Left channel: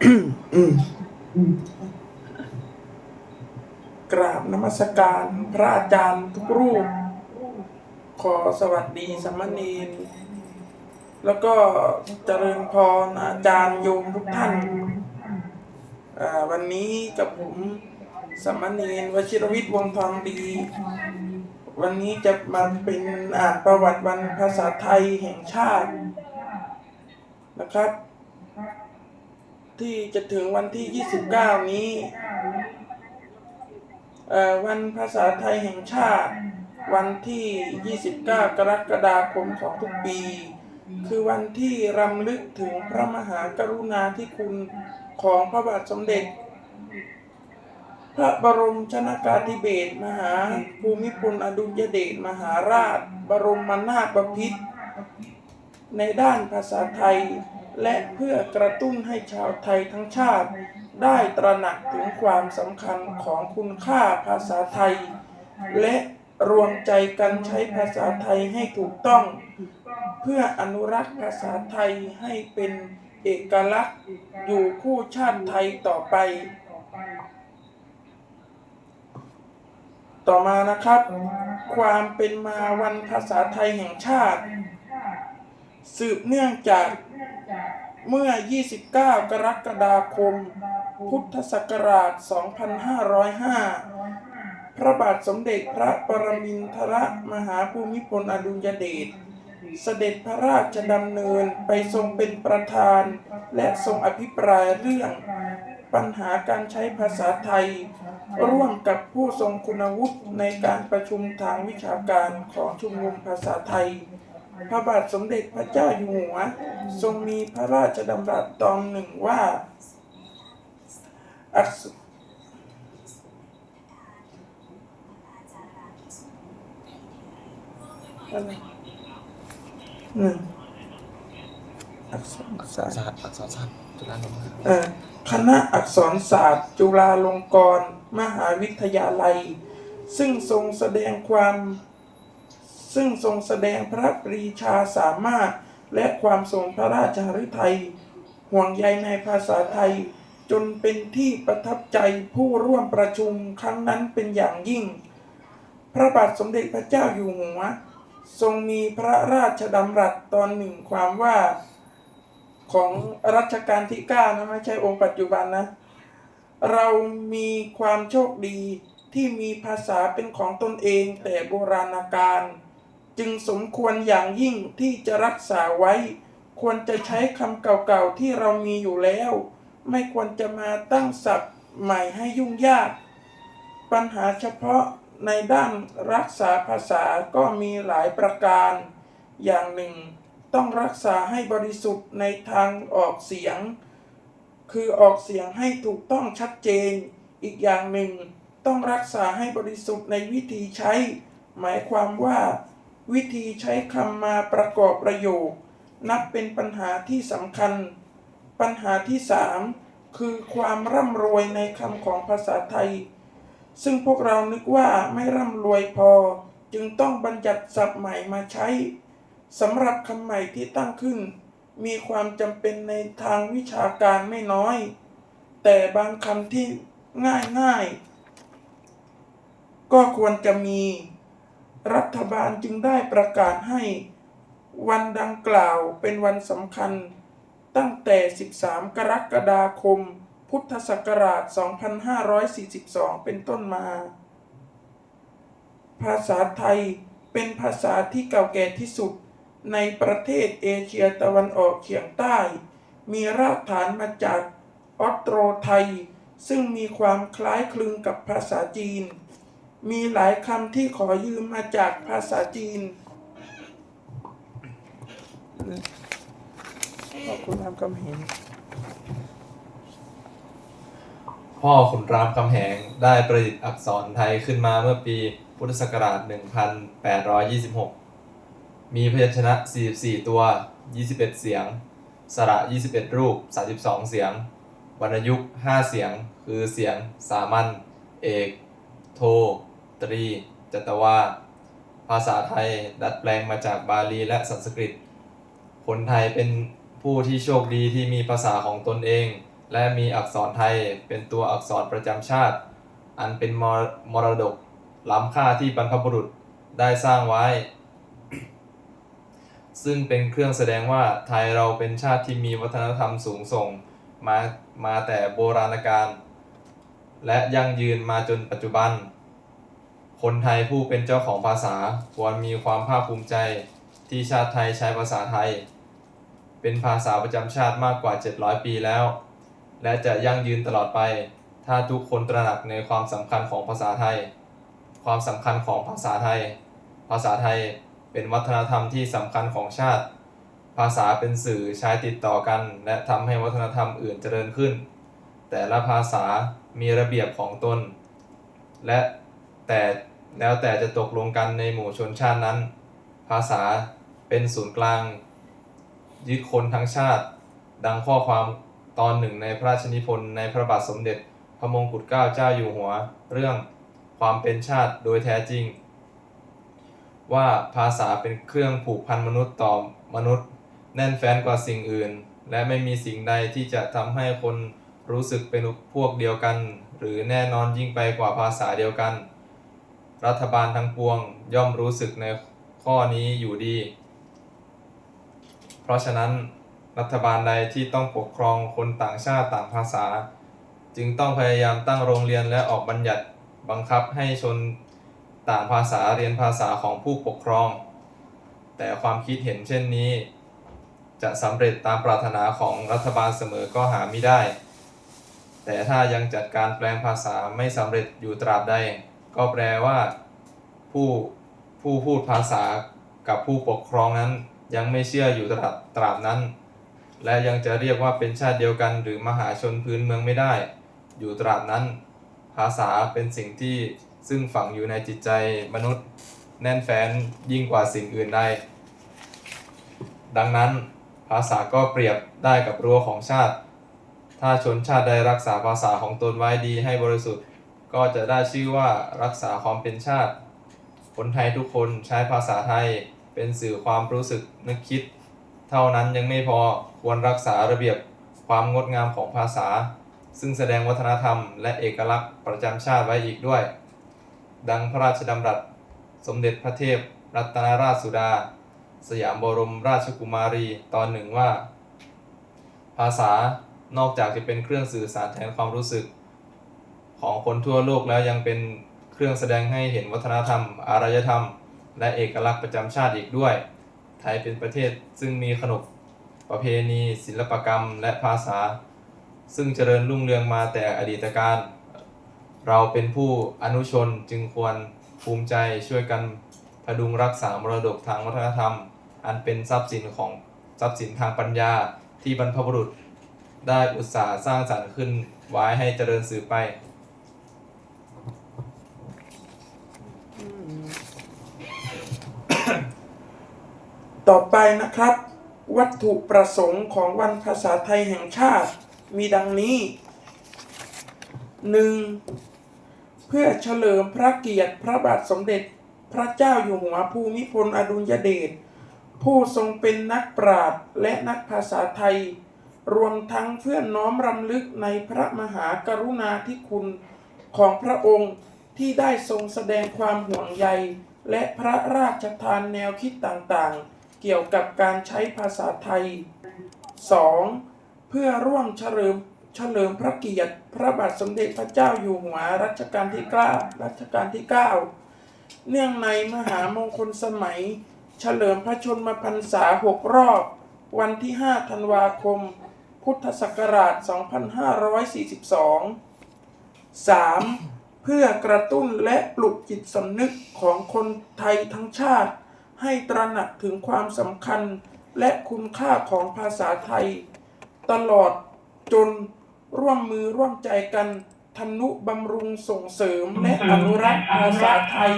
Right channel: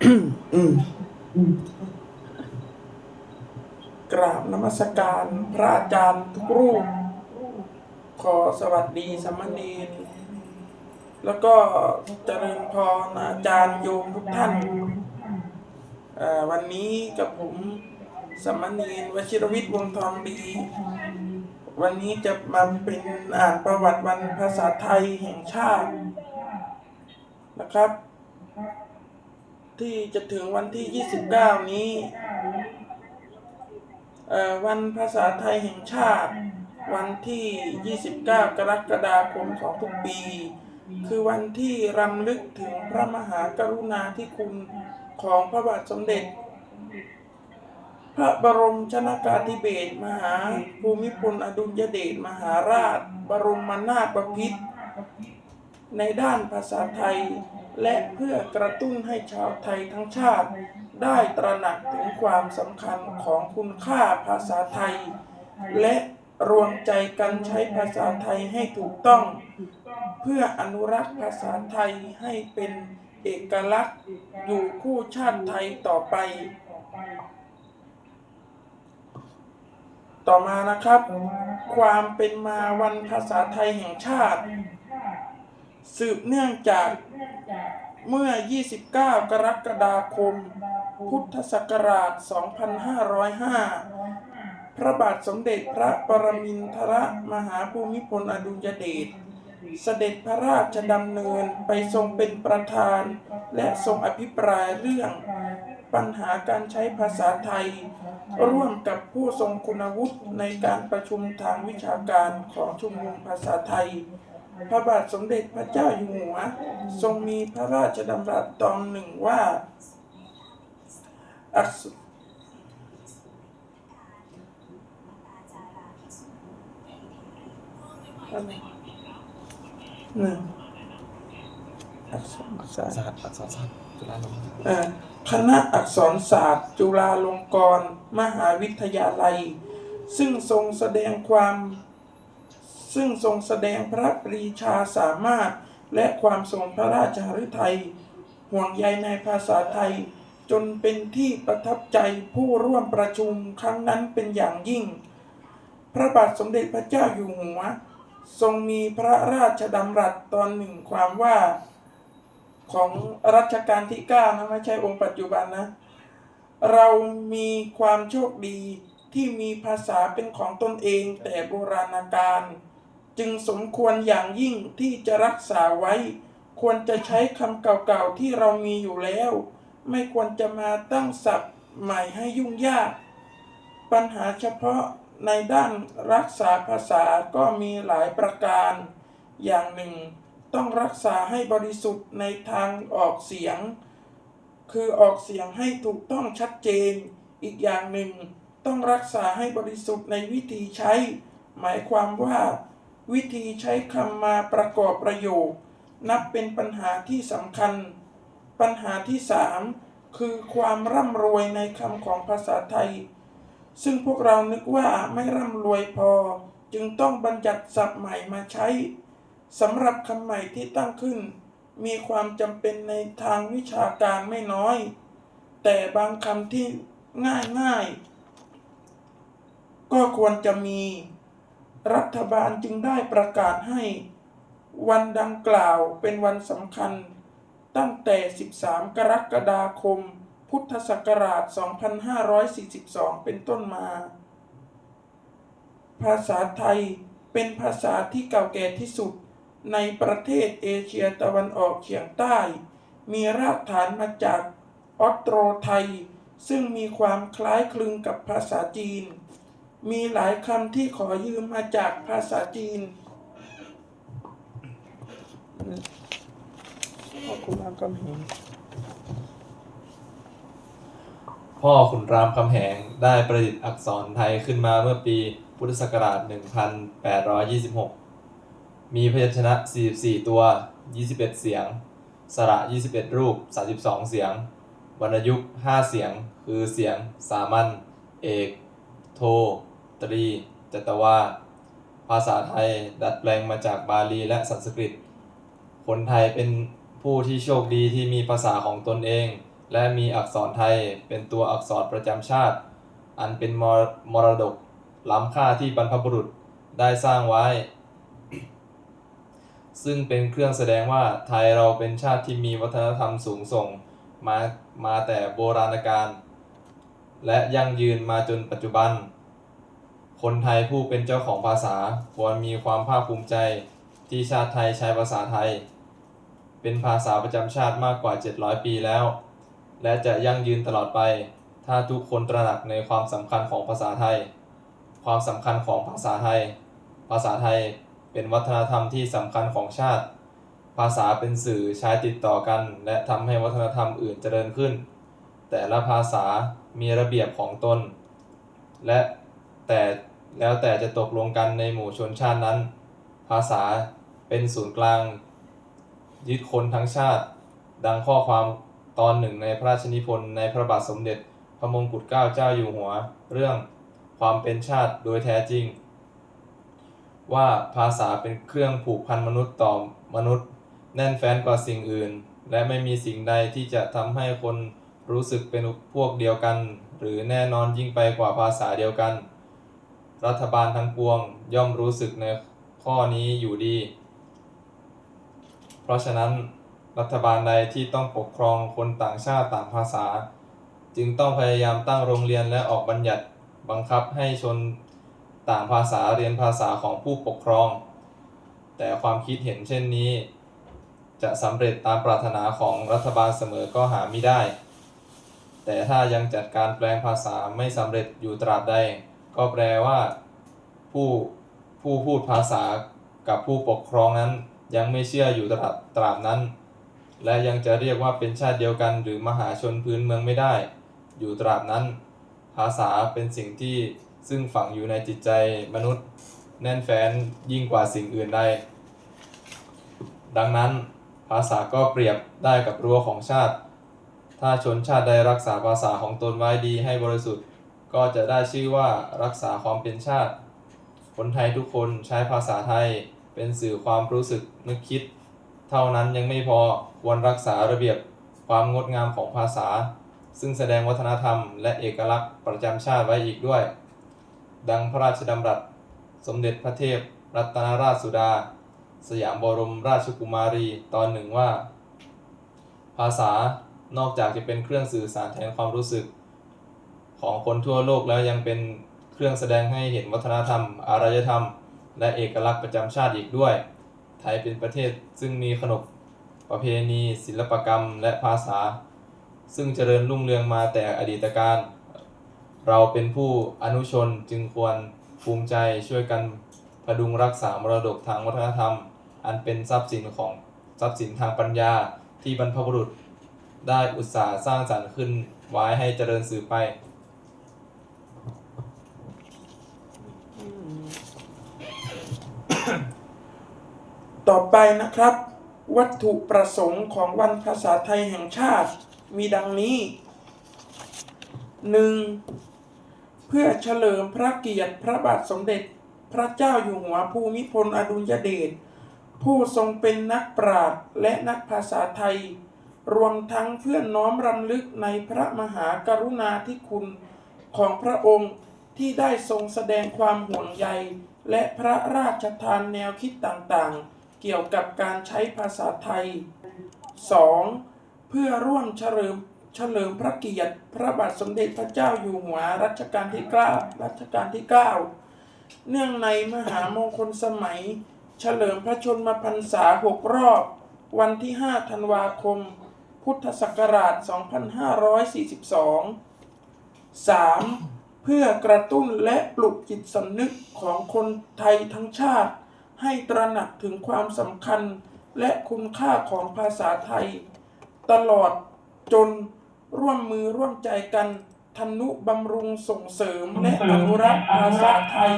กราบนมัสการพระอาจารย์ทุกรูป ขอสวัสดีสมเณรแล้วก็เจริญพรอาจารย์โยมทุกท่าน วันนี้กับผมสมเณรวชิรวิทย์วงทองดี วันนี้จะมาเป็นอ่านประวัติวันภาษาไทยแห่งชาตินะครับ ที่จะถึงวันที่ 29 นี้เอ่อวันภาษาไทยแห่งชาติ วันที่ 29 กรกฎาคมของทุกปี คือวันที่รำลึกถึงพระมหากรุณาธิคุณของพระบาทสมเด็จ พระบรมชนากาธิเบศรมหาภูมิพลอดุลยเดชมหาราช บรมนาถบพิตรในด้านภาษาไทย และเพื่อกระตุ้นให้ชาวไทยทั้งชาติ ได้ตระหนักถึงความสำคัญของคุณค่าภาษาไทย และรวมใจกันใช้ภาษาไทยให้ถูกต้อง เพื่ออนุรักษ์ภาษาไทยให้เป็นเอกลักษณ์อยู่คู่ชาติไทยต่อไป ต่อมานะครับ ความเป็นมาวันภาษาไทยแห่งชาติ สืบเนื่องจาก เมื่อ 29 กรกฎาคม พุทธศักราช 2505 พระบาทสมเด็จพระปรมินทรมหาภูมิพลอดุลยเดช เสด็จพระราชดำเนินไปทรงเป็นประธาน และทรงอภิปรายเรื่อง ปัญหาการใช้ภาษาไทย ร่วมกับผู้ทรงคุณวุฒิในการประชุมทางวิชาการของชุมนุมภาษาไทย พระบาทสมเด็จพระเจ้าอยู่หัว ทรงมีพระราชดำรัสตอนหนึ่งว่าอักษอะไรหนึ่งอักษรศาสตร์ศาสตร์อักษรศาสตร์จุฬาลงกรณ์เอ่อคณะอักษรศาสตร์ จุฬาลงกรณ์มหาวิทยาลัย ซึ่งทรงแสดงความ ซึ่งทรงแสดงพระปรีชาสามารถ และความทรงพระราชหฤทัยห่วงใยในภาษาไทย จนเป็นที่ประทับใจผู้ร่วมประชุมครั้งนั้นเป็นอย่างยิ่ง พระบาทสมเด็จพระเจ้าอยู่หัว ทรงมีพระราชดำรัสตอนหนึ่งความว่าของรัชกาลที่เก้านะ ไม่ใช่องค์ปัจจุบันนะ เรามีความโชคดีที่มีภาษาเป็นของตนเองแต่โบราณกาล จึงสมควรอย่างยิ่งที่จะรักษาไว้ ควรจะใช้คำเก่าๆที่เรามีอยู่แล้ว ไม่ควรจะมาตั้งศัพท์ใหม่ให้ยุ่งยาก ปัญหาเฉพาะในด้านรักษาภาษาก็มีหลายประการ อย่างหนึ่ง ต้องรักษาให้บริสุทธิ์ในทางออกเสียง คือออกเสียงให้ถูกต้องชัดเจน อีกอย่างหนึ่ง ต้องรักษาให้บริสุทธิ์ในวิธีใช้ หมายความว่า วิธีใช้คำมาประกอบประโยค นับเป็นปัญหาที่สำคัญ ปัญหาที่สามคือความร่ำรวยในคำของภาษาไทย ซึ่งพวกเรานึกว่าไม่ร่ำรวยพอ จึงต้องบัญญัติศัพท์ใหม่มาใช้สำหรับคำใหม่ที่ตั้งขึ้น มีความจำเป็นในทางวิชาการไม่น้อย แต่บางคำที่ง่ายง่ายๆก็ควรจะมี รัฐบาลจึงได้ประกาศให้วันดังกล่าวเป็นวันสำคัญ ตั้งแต่ 13 กรกฎาคม พุทธศักราช 2542 เป็นต้นมา ภาษาไทยเป็นภาษาที่เก่าแก่ที่สุดในประเทศเอเชียตะวันออกเฉียงใต้ มีรากฐานมาจากออสโตรไทย ซึ่งมีความคล้ายคลึงกับภาษาจีน มีหลายคำที่ขอยืมมาจากภาษาจีน ขอบคุณรับกำเห็นพ่อขุนรามคำแหงได้ประดิษฐ์อักษรไทยขึ้นมาเมื่อปีพุทธศักราช 1826 มีพยัญชนะ 44 ตัว 21 เสียง สระ 21 รูป 32 เสียง วรรณยุกต์ 5 เสียง คือเสียง สามัญ เอก โท ตรี จัตวา ภาษาไทยดัดแปลงมาจากบาลีและสันสกฤต คนไทยเป็นผู้ที่โชคดีที่มีภาษาของตนเอง และมีอักษรไทยเป็นตัวอักษรประจำชาติ อันเป็นมรมรดกล้ำค่าที่บรรพบุรุษได้สร้างไว้ ซึ่งเป็นเครื่องแสดงว่าไทยเราเป็นชาติที่มีวัฒนธรรมสูงส่งมามาแต่โบราณกาลและยั่งยืนมาจนปัจจุบัน คนไทยผู้เป็นเจ้าของภาษาควรมีความภาคภูมิใจที่ชาติไทยใช้ภาษาไทย เป็นภาษาประจำชาติมากกว่า 700 ปีแล้ว และจะยั่งยืนตลอดไป ถ้าทุกคนตระหนักในความสำคัญของภาษาไทย ความสำคัญของภาษาไทย ภาษาไทยเป็นวัฒนธรรมที่สำคัญของชาติ ภาษาเป็นสื่อใช้ติดต่อกัน และทำให้วัฒนธรรมอื่นเจริญขึ้น แต่ละภาษามีระเบียบของตน และแต่ แล้วแต่จะตกลงกันในหมู่ชนชาตินั้น ภาษาเป็นศูนย์กลาง ยึดคนทั้งชาติ ดังข้อความตอนหนึ่งในพระราชนิพนธ์ในพระบาทสมเด็จ พระมงกุฎเกล้าเจ้าอยู่หัว เรื่องความเป็นชาติโดยแท้จริง ว่าภาษาเป็นเครื่องผูกพันมนุษย์ต่อมนุษย์ แน่นแฟ้นกว่าสิ่งอื่น และไม่มีสิ่งใดที่จะทำให้คนรู้สึกเป็นพวกเดียวกัน หรือแน่นอนยิ่งไปกว่าภาษาเดียวกัน รัฐบาลทั้งปวงย่อมรู้สึกในข้อนี้อยู่ดี เพราะฉะนั้นรัฐบาลใดที่ต้องปกครองคนต่างชาติต่างภาษา จึงต้องพยายามตั้งโรงเรียนและออกบัญญัติบังคับให้ชนต่างภาษาเรียนภาษาของผู้ปกครอง แต่ความคิดเห็นเช่นนี้ จะสำเร็จตามปรารถนาของรัฐบาลเสมอก็หาไม่ได้ แต่ถ้ายังจัดการแปลงภาษาไม่สำเร็จอยู่ตราบใด ก็แปลว่า ผู้ผู้พูดภาษากับผู้ปกครองนั้น ยังไม่เชื่ออยู่ตราบตราบนั้น และยังจะเรียกว่าเป็นชาติเดียวกัน หรือมหาชนพื้นเมืองไม่ได้ อยู่ตราบนั้น ภาษาเป็นสิ่งที่ซึ่งฝังอยู่ในจิตใจมนุษย์แน่นแฟ้นยิ่งกว่าสิ่งอื่นใดดังนั้นภาษาก็เปรียบได้กับรั้วของชาติ ถ้าชนชาติใดรักษาภาษาของตนไว้ดีให้บริสุทธิ์ ก็จะได้ชื่อว่ารักษาความเป็นชาติ คนไทยทุกคนใช้ภาษาไทยเป็นสื่อความรู้สึกนึกคิด เท่านั้นยังไม่พอควรรักษาระเบียบความงดงามของภาษา ซึ่งแสดงวัฒนธรรมและเอกลักษณ์ประจำชาติไว้อีกด้วย ดังพระราชดำรัส สมเด็จพระเทพ รัตนราชสุดา สยามบรมราชกุมารีตอนหนึ่งว่า ภาษานอกจากจะเป็นเครื่องสื่อสารแทนความรู้สึก ของคนทั่วโลกแล้วยังเป็นเครื่องแสดงให้เห็นวัฒนธรรม อารยธรรม และเอกลักษณ์ประจำชาติอีกด้วย ไทยเป็นประเทศซึ่งมีขนบประเพณี ศิลปกรรมและภาษา ซึ่งเจริญรุ่งเรืองมาแต่อดีตการ เราเป็นผู้อนุชนจึงควรภูมิใจช่วยกันพดุงรักษามรดกทางวัฒนธรรม อันเป็นทรัพย์สินของทรัพย์สินทางปัญญาที่บรรพบุรุษได้อุตสาห์สร้างสรรค์ขึ้นไว้ให้เจริญสืบไป ต่อไปนะครับ วัตถุประสงค์ของวันภาษาไทยแห่งชาติมีดังนี้ 1. เพื่อเฉลิมพระเกียรติพระบาทสมเด็จพระเจ้าอยู่หัวภูมิพลอดุลยเดชผู้ทรงเป็นนักปราชญ์และนักภาษาไทย รวมทั้งเพื่อน้อมรำลึกในพระมหากรุณาธิคุณของพระองค์ที่ได้ทรงแสดงความห่วงใย และพระราชทานแนวคิดต่างๆ เกี่ยวกับการใช้ภาษาไทย 2. เพื่อร่วมเฉลิมเฉลิมพระเกียรติ พระบาทสมเด็จพระเจ้าอยู่หัวรัชกาลที่ 9 รัชกาลที่ 9 เนื่องในมหามงคลสมัย เฉลิมพระชนมพรรษา 6 รอบ วันที่ 5 ธันวาคม พุทธศักราช 2542 3. เพื่อกระตุ้นและปลุกจิตสำนึกของคนไทยทั้งชาติ ให้ตระหนักถึงความสำคัญและคุณค่าของภาษาไทย ตลอดจนร่วมมือร่วมใจกันทนุบำรุงส่งเสริมและอนุรักษ์ภาษาไทย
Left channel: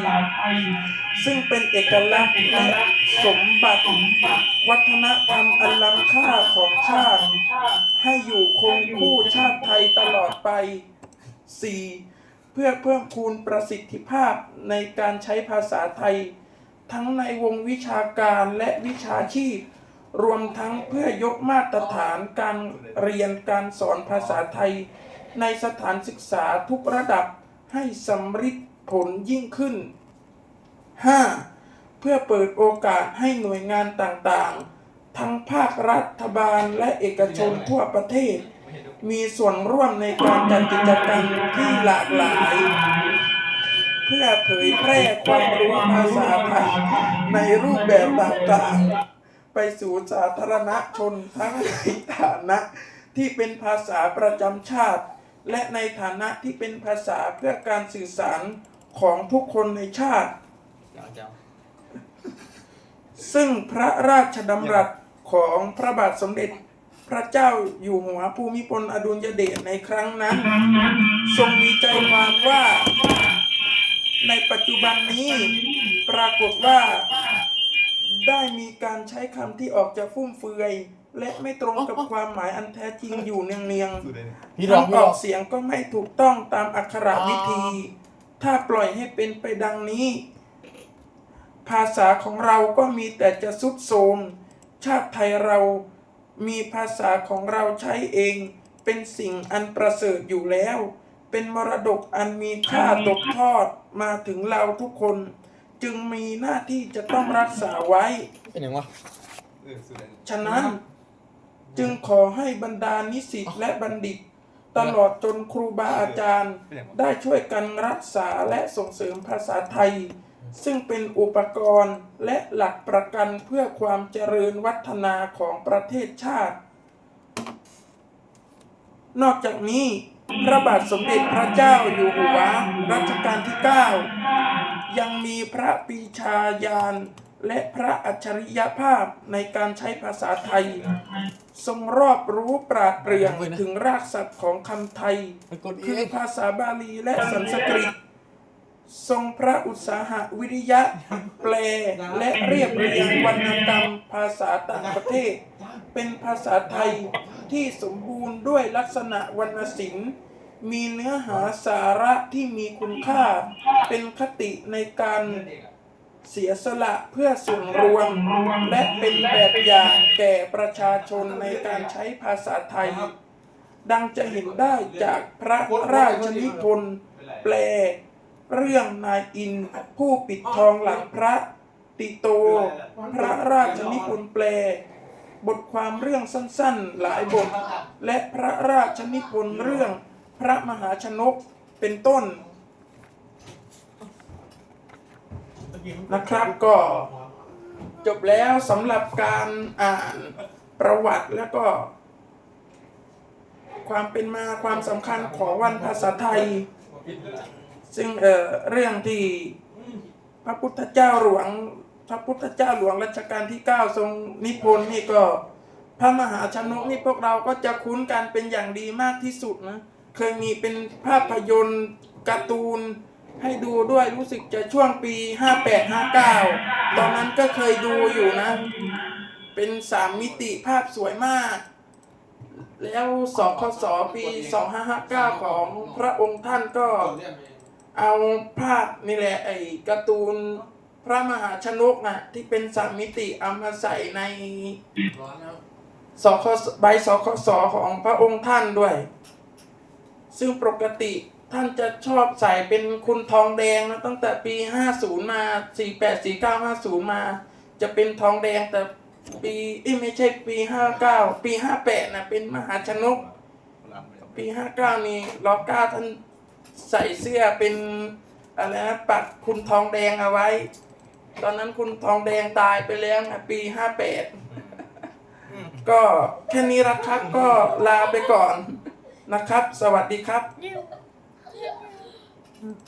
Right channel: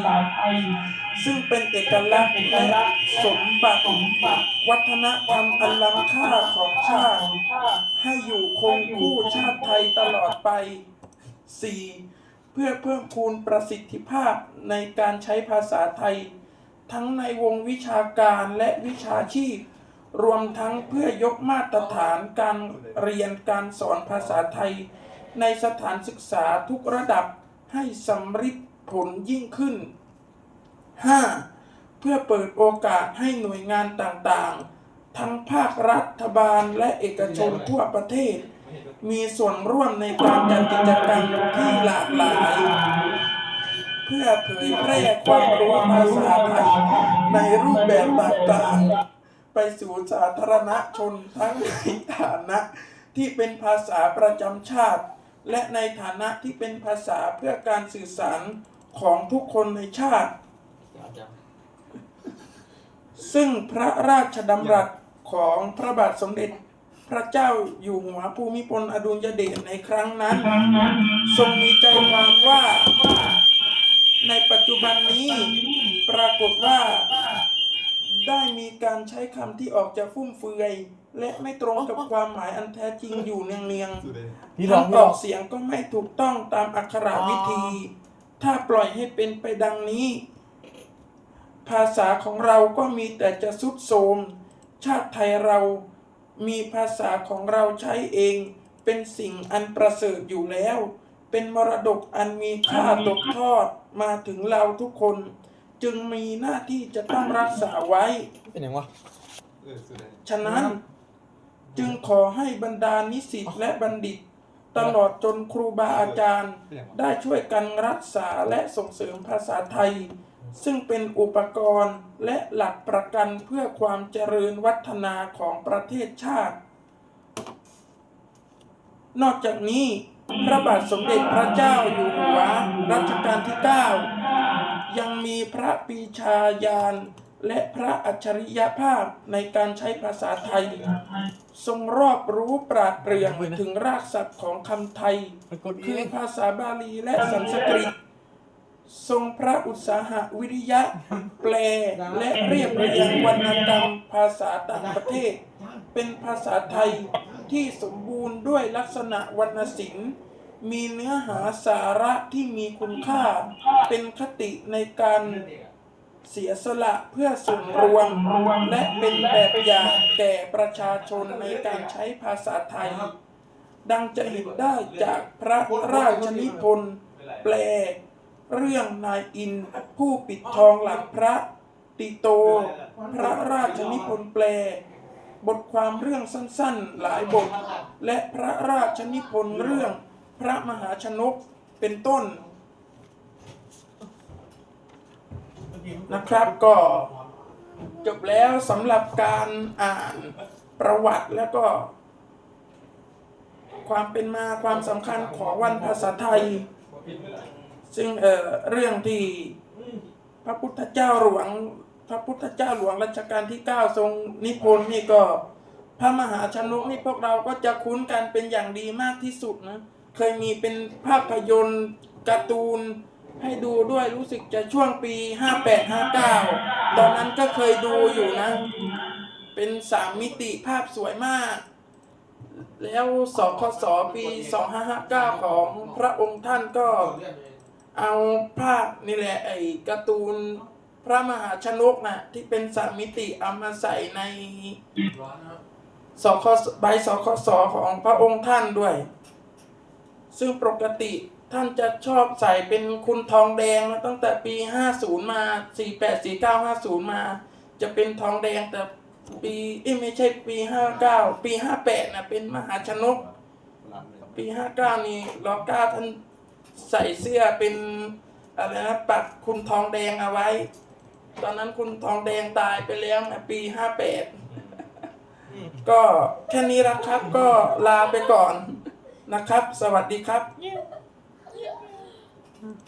ซึ่งเป็นเอกลักษณ์และสมบัติวัฒนธรรมอันล้ำค่าของชาติ ให้อยู่คงคู่ชาติไทยตลอดไป 4. เพื่อเพิ่มคูณประสิทธิภาพในการใช้ภาษาไทย ทั้งในวงวิชาการและวิชาชีพ รวมทั้งเพื่อยกมาตรฐานการเรียนการสอนภาษาไทย ในสถานศึกษาทุกระดับให้สำฤทธิ์ผลยิ่งขึ้น 5. เพื่อเปิดโอกาสให้หน่วยงานต่างๆ ทั้งภาครัฐบาลและเอกชนทั่วประเทศ มีส่วนร่วมในการจัดกิจกรรมที่หลากหลาย เพื่อเผยแพร่ความรู้ภาษาไทยในรูปแบบต่างๆ ไปสู่สาธารณชนทั้งในฐานะที่เป็นภาษาประจำชาติ และในฐานะที่เป็นภาษาเพื่อการสื่อสารของทุกคนในชาติ ซึ่งพระราชดำรัสของพระบาทสมเด็จพระเจ้าอยู่หัวภูมิพลอดุลยเดชในครั้งนั้น ทรงมีใจความว่า ในปัจจุบันนี้ปรากฏว่า ได้มีการใช้คำที่ออกจะฟุ่มเฟือย และไม่ตรงกับความหมายอันแท้จริงอยู่เนืองๆพี่ร้องคำพี่ออองกเสียงก็ไม่ถูกต้องตามอักขระวิธี ถ้าปล่อยให้เป็นไปดังนี้ ภาษาของเราก็มีแต่จะสุดโทรมชาติไทยเรามีภาษาของเราใช้เอง เป็นสิ่งอันประเสริฐอยู่แล้ว เป็นมรดกอันมีค่าตกทอดมาถึงเราทุกคน จึงมีหน้าที่จะต้องรักษาไว้ เป็นยังวะ ฉะนั้นจึงขอให้บรรดานิสิตและบัณฑิต ตลอดจนครูบาอาจารย์ ได้ช่วยกันรักษาและส่งเสริมภาษาไทย ซึ่งเป็นอุปกรณ์และหลักประกันเพื่อความเจริญวัฒนาของประเทศชาติ นอกจากนี้ พระบาทสมเด็จพระเจ้าอยู่หัวรัชกาลที่ 9 ยังมีพระปีชาญาณและพระอัจฉริยภาพในการใช้ภาษาไทย ทรงรอบรู้ปราดเปรื่องถึงรากศัพท์ของคำไทย คือภาษาบาลีและสันสกฤต ทรงพระอุตสาหะวิริยะ แปลและเรียบเรียงวรรณกรรมภาษาต่างประเทศ เป็นภาษาไทยที่สมบูรณ์ด้วยลักษณะวรรณศิลป์ มีเนื้อหาสาระที่มีคุณค่า เป็นคติในการเสียสละเพื่อส่วนรวม และเป็นแบบอย่างแก่ประชาชนในการใช้ภาษาไทย ดังจะเห็นได้จากพระราชนิพนธ์แปล เรื่องนายอินผู้ปิดทองหลังพระติโต พระราชนิพนธ์แปล บทความเรื่องสั้นๆหลายบท และพระราชนิพนธ์เรื่องพระมหาชนกเป็นต้นนะครับก็จบแล้วสำหรับการอ่านประวัติแล้วก็ ความเป็นมาความสำคัญของวันภาษาไทย ซึ่งเอ่อเรื่องที่พระพุทธเจ้าหลวง พระพุทธเจ้าหลวงรัชกาลที่ 9 ทรงนิพนธ์นี่ก็ พระมหาชนกนี่พวกเราก็จะคุ้นกันเป็นอย่างดีมากที่สุดนะเคยมีเป็นภาพยนตร์การ์ตูนให้ดูด้วยรู้สึกจะช่วงปี 58-59 ตอนนั้นก็เคยดูอยู่นะ เป็นสามมิติภาพสวยมาก แล้วสคสปี 2559 ของพระองค์ท่านก็เอาภาพนี่แหละไอ้การ์ตูน พระมหาชนกนะที่เป็นสามมิติเอามาใส่ในสคใบสคสของพระองค์ท่านด้วย ซึ่งปกติท่านจะชอบใส่เป็นคุณทองแดงนะตั้งแต่ปี 50 มา 48 49 50 มา จะเป็นทองแดงแต่ปีเอ้ไม่ใช่ปี 59 ปี 58นะเป็นมหาชนก ปี 59 นี่รอเก้าท่านใส่เสื้อเป็นอะไรนะปักคุณทองแดงเอาไว้ ตอนนั้นคุณทองแดงตายไปแล้วนะปี58ก็แค่นี้ละครับก็ลาไปก่อนนะครับ สวัสดีครับ